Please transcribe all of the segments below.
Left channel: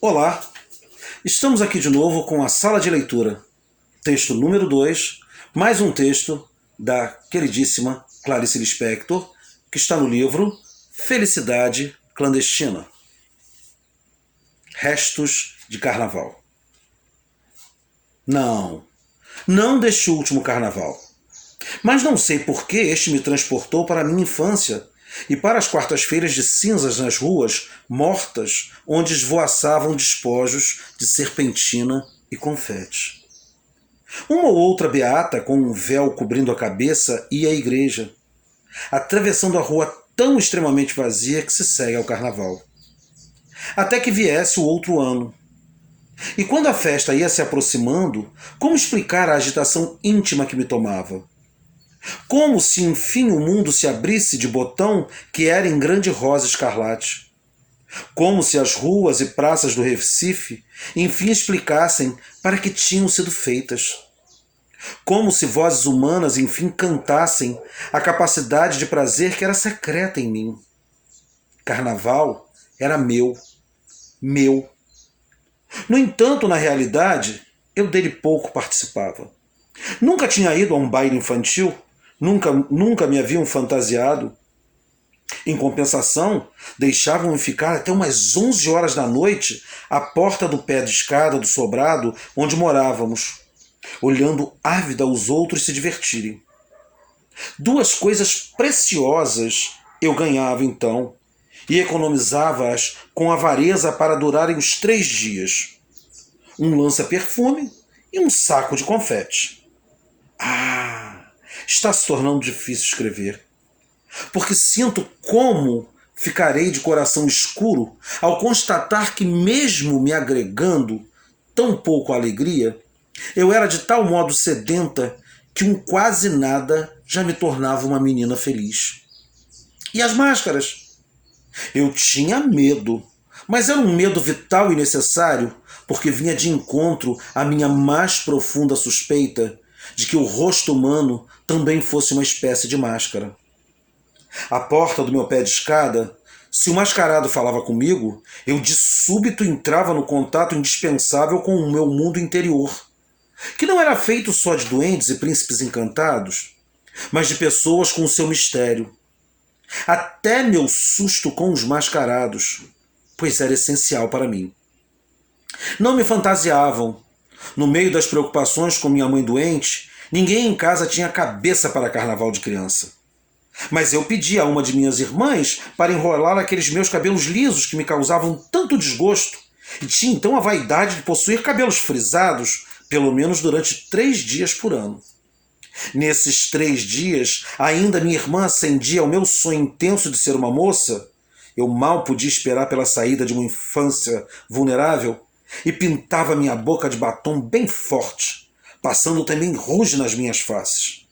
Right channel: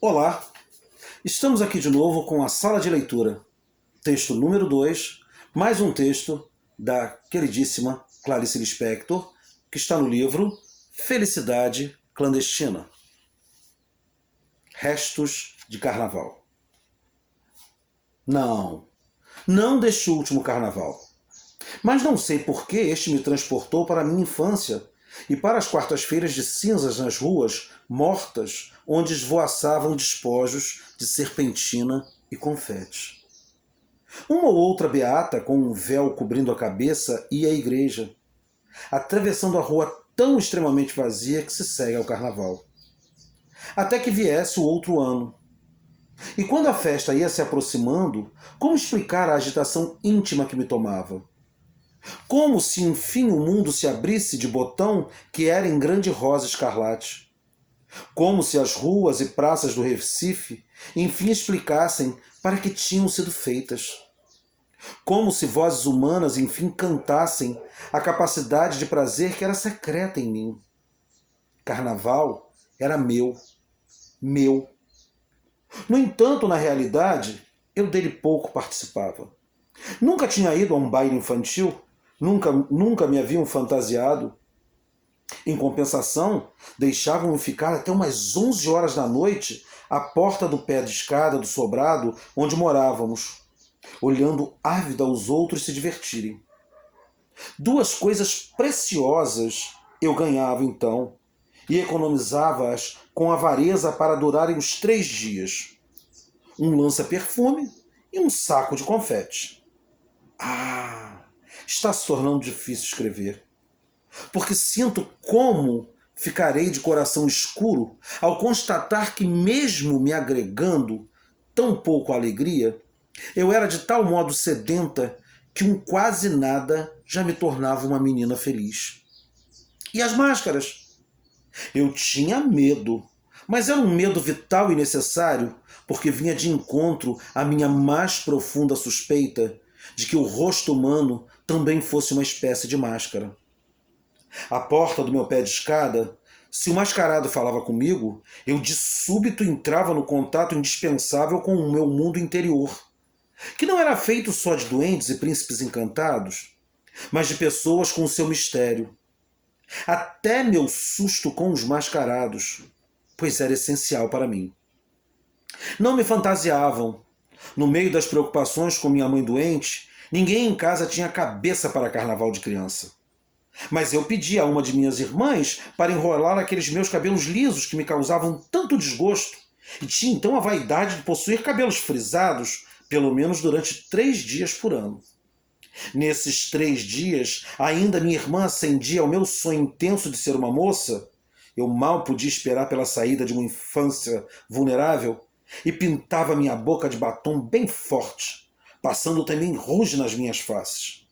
Olá, estamos aqui de novo com a Sala de Leitura. Texto número 2, mais um texto da queridíssima Clarice Lispector, que está no livro Felicidade Clandestina. Restos de Carnaval. Não deste último carnaval. Mas não sei por que este me transportou para a minha infância e para as quartas-feiras de cinzas nas ruas mortas, onde esvoaçavam despojos de serpentina e confete. Uma ou outra beata com um véu cobrindo a cabeça ia à igreja, atravessando a rua tão extremamente vazia que se segue ao carnaval. Até que viesse o outro ano. E quando a festa ia se aproximando, como explicar a agitação íntima que me tomava? Como se enfim o mundo se abrisse de botão que era em grande rosa escarlate. Como se as ruas e praças do Recife enfim explicassem para que tinham sido feitas. Como se vozes humanas enfim cantassem a capacidade de prazer que era secreta em mim. Carnaval era meu. No entanto, na realidade, eu dele pouco participava. Nunca tinha ido a um baile infantil, nunca me haviam fantasiado. Em compensação, deixavam-me ficar até umas 11 horas da noite à porta do pé de escada do sobrado onde morávamos, olhando ávida os outros se divertirem. Duas coisas preciosas eu ganhava então, e economizava-as com avareza para durarem os 3 dias. Um lança-perfume e um saco de confete. Está se tornando difícil escrever. Porque sinto como ficarei de coração escuro ao constatar que, mesmo me agregando tão pouco alegria, eu era de tal modo sedenta que um quase nada já me tornava uma menina feliz. E as máscaras? Eu tinha medo, mas era um medo vital e necessário, porque vinha de encontro à minha mais profunda suspeita de que o rosto humano também fosse uma espécie de máscara. À porta do meu pé de escada, se o mascarado falava comigo, eu de súbito entrava no contato indispensável com o meu mundo interior, que não era feito só de duendes e príncipes encantados, mas de pessoas com o seu mistério. Até meu susto com os mascarados, pois era essencial para mim. Não me fantasiavam. No meio das preocupações com minha mãe doente, ninguém em casa tinha cabeça para carnaval de criança. Mas eu pedi a uma de minhas irmãs para enrolar aqueles meus cabelos lisos que me causavam tanto desgosto, e tinha então a vaidade de possuir cabelos frisados, pelo menos durante 3 dias por ano. Nesses 3 dias, ainda minha irmã acendia ao meu sonho intenso de ser uma moça. Eu mal podia esperar pela saída de uma infância vulnerável e pintava minha boca de batom bem forte, passando também rouge nas minhas faces.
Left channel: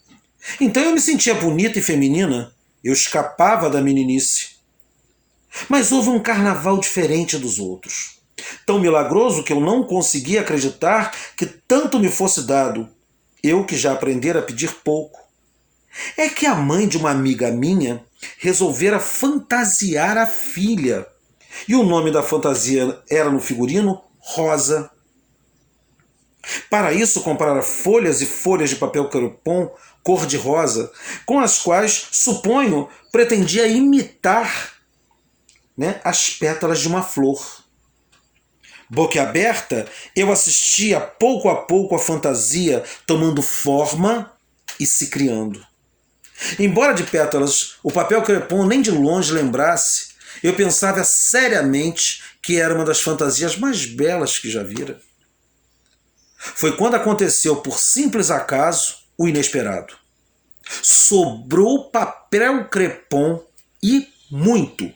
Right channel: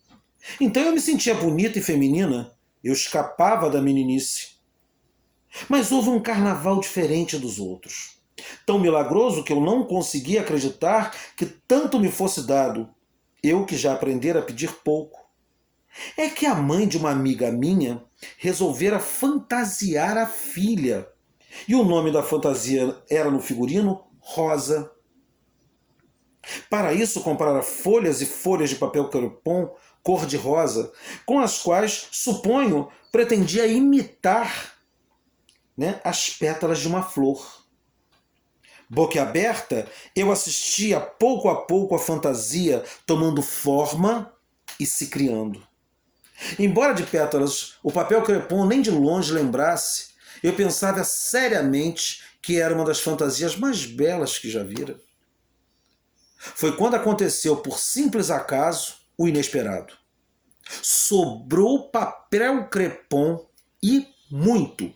Então eu me sentia bonita e feminina, eu escapava da meninice. Mas houve um carnaval diferente dos outros. Tão milagroso que eu não conseguia acreditar que tanto me fosse dado, eu que já aprendera a pedir pouco. É que a mãe de uma amiga minha resolvera fantasiar a filha. E o nome da fantasia era no figurino Rosa. Para isso comprara folhas e folhas de papel crepom cor-de-rosa, com as quais, suponho, pretendia imitar, as pétalas de uma flor. Boquiaberta, eu assistia pouco a pouco a fantasia tomando forma e se criando. Embora de pétalas o papel crepom nem de longe lembrasse, eu pensava seriamente que era uma das fantasias mais belas que já vira. Foi quando aconteceu, por simples acaso, o inesperado. Sobrou papel crepom e muito.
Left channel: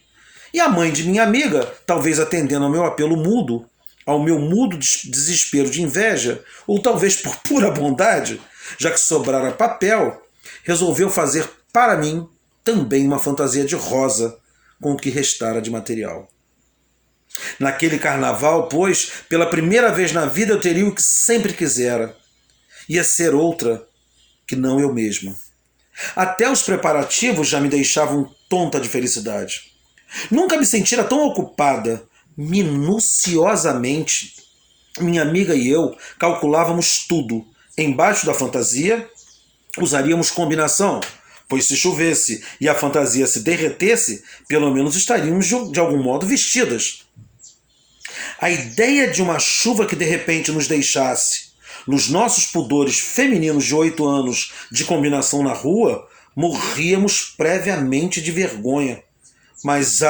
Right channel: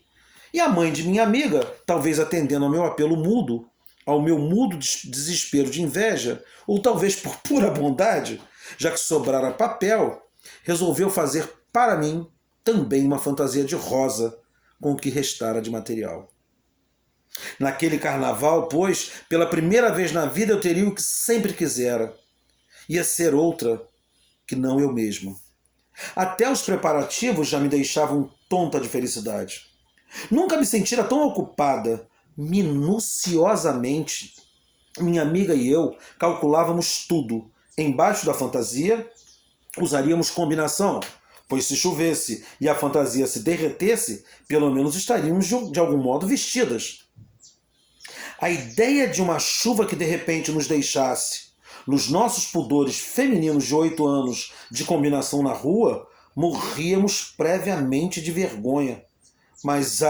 E a mãe de minha amiga, talvez atendendo ao meu apelo mudo, ao meu mudo desespero de inveja, ou talvez por pura bondade, já que sobrara papel, resolveu fazer para mim também uma fantasia de rosa com o que restara de material. Naquele carnaval, pois, pela primeira vez na vida eu teria o que sempre quisera. Ia ser outra que não eu mesma. Até os preparativos já me deixavam tonta de felicidade. Nunca me sentira tão ocupada, Minuciosamente, minha amiga e eu calculávamos tudo. Embaixo da fantasia, usaríamos combinação, pois se chovesse e a fantasia se derretesse, pelo menos estaríamos de algum modo vestidas. A ideia de uma chuva que de repente nos deixasse, nos nossos pudores femininos de 8 anos de combinação na rua, morríamos previamente de vergonha. Mas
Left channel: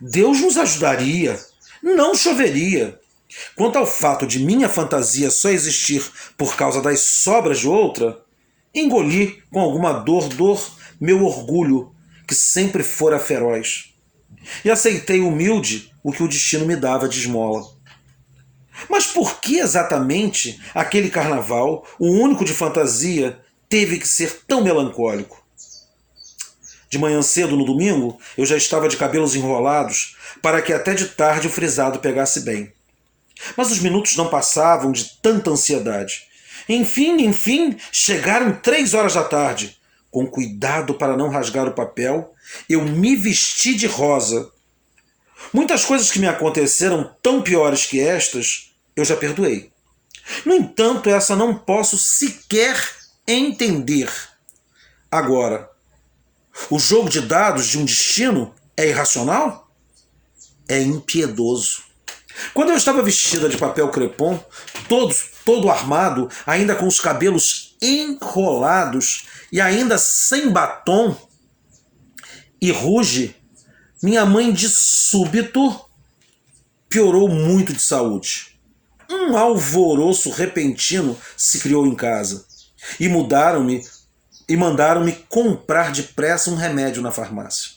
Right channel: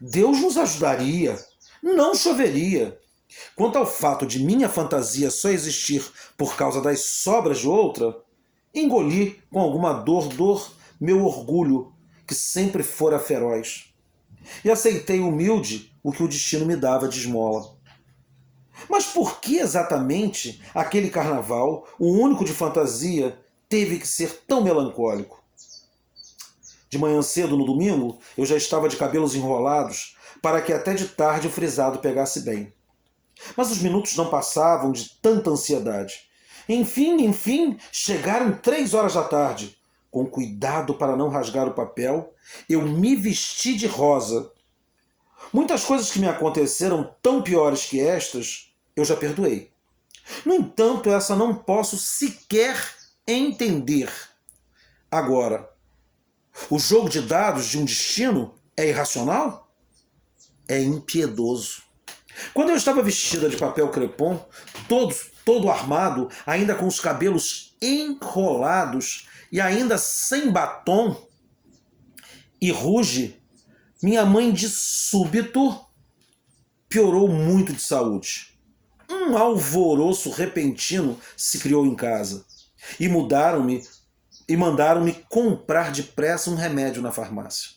Deus nos ajudaria. Não choveria. Quanto ao fato de minha fantasia só existir por causa das sobras de outra, engoli com alguma dor meu orgulho, que sempre fora feroz. E aceitei humilde o que o destino me dava de esmola. Mas por que exatamente aquele carnaval, o único de fantasia, teve que ser tão melancólico? De manhã cedo no domingo, eu já estava de cabelos enrolados para que até de tarde o frisado pegasse bem. Mas os minutos não passavam de tanta ansiedade. Enfim, chegaram 3 horas da tarde. Com cuidado para não rasgar o papel, eu me vesti de rosa. Muitas coisas que me aconteceram tão piores que estas, eu já perdoei. No entanto, essa não posso sequer entender. Agora, o jogo de dados de um destino é irracional? É impiedoso. Quando eu estava vestida de papel crepom, todo armado, ainda com os cabelos enrolados e ainda sem batom e ruge, minha mãe de súbito piorou muito de saúde. Um alvoroço repentino se criou em casa e mandaram-me comprar depressa um remédio na farmácia.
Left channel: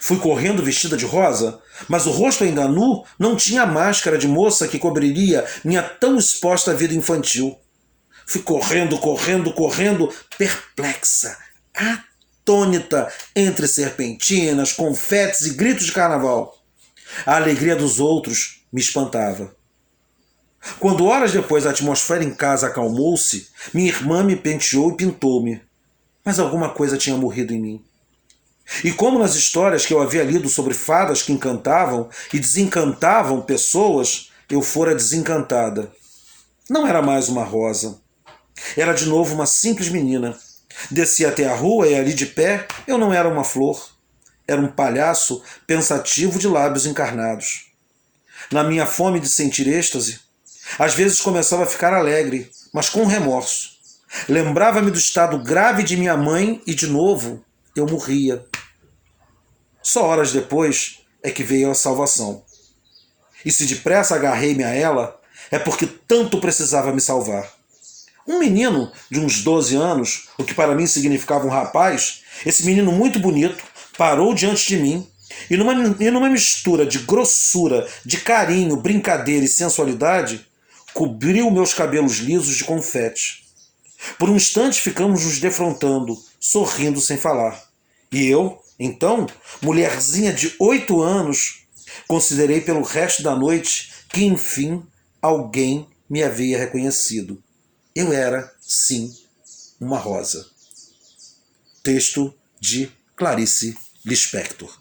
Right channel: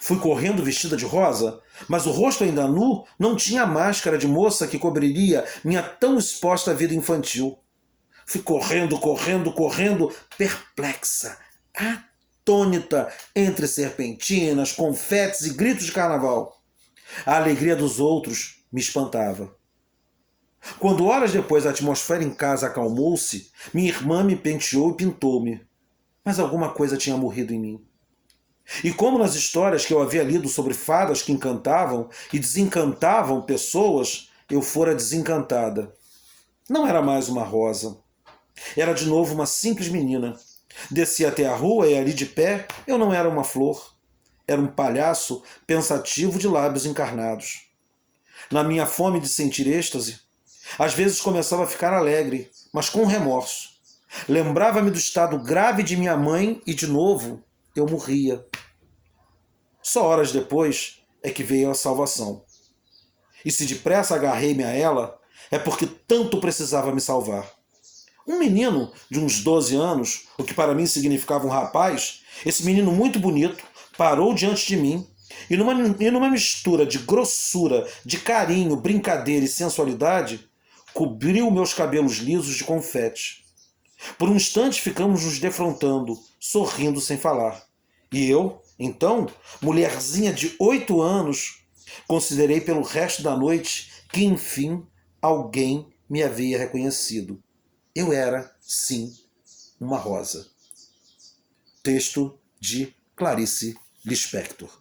Fui correndo vestida de rosa, mas o rosto ainda nu não tinha a máscara de moça que cobriria minha tão exposta vida infantil. Fui correndo, perplexa, atônita, entre serpentinas, confetes e gritos de carnaval. A alegria dos outros me espantava. Quando horas depois a atmosfera em casa acalmou-se, minha irmã me penteou e pintou-me. Mas alguma coisa tinha morrido em mim. E como nas histórias que eu havia lido sobre fadas que encantavam e desencantavam pessoas, eu fora desencantada. Não era mais uma rosa. Era de novo uma simples menina. Descia até a rua e ali de pé eu não era uma flor. Era um palhaço pensativo de lábios encarnados. Na minha fome de sentir êxtase, às vezes começava a ficar alegre, mas com remorso. Lembrava-me do estado grave de minha mãe e, de novo, eu morria. Só horas depois é que veio a salvação. E se depressa agarrei-me a ela, é porque tanto precisava me salvar. Um menino de uns 12 anos, o que para mim significava um rapaz, esse menino muito bonito, parou diante de mim e numa mistura de grossura, de carinho, brincadeira e sensualidade, cobriu meus cabelos lisos de confete. Por um instante ficamos nos defrontando, sorrindo sem falar. E eu, então, mulherzinha de 8 anos, considerei pelo resto da noite que, enfim, alguém me havia reconhecido. Eu era, sim, uma rosa. Texto de Clarice Lispector.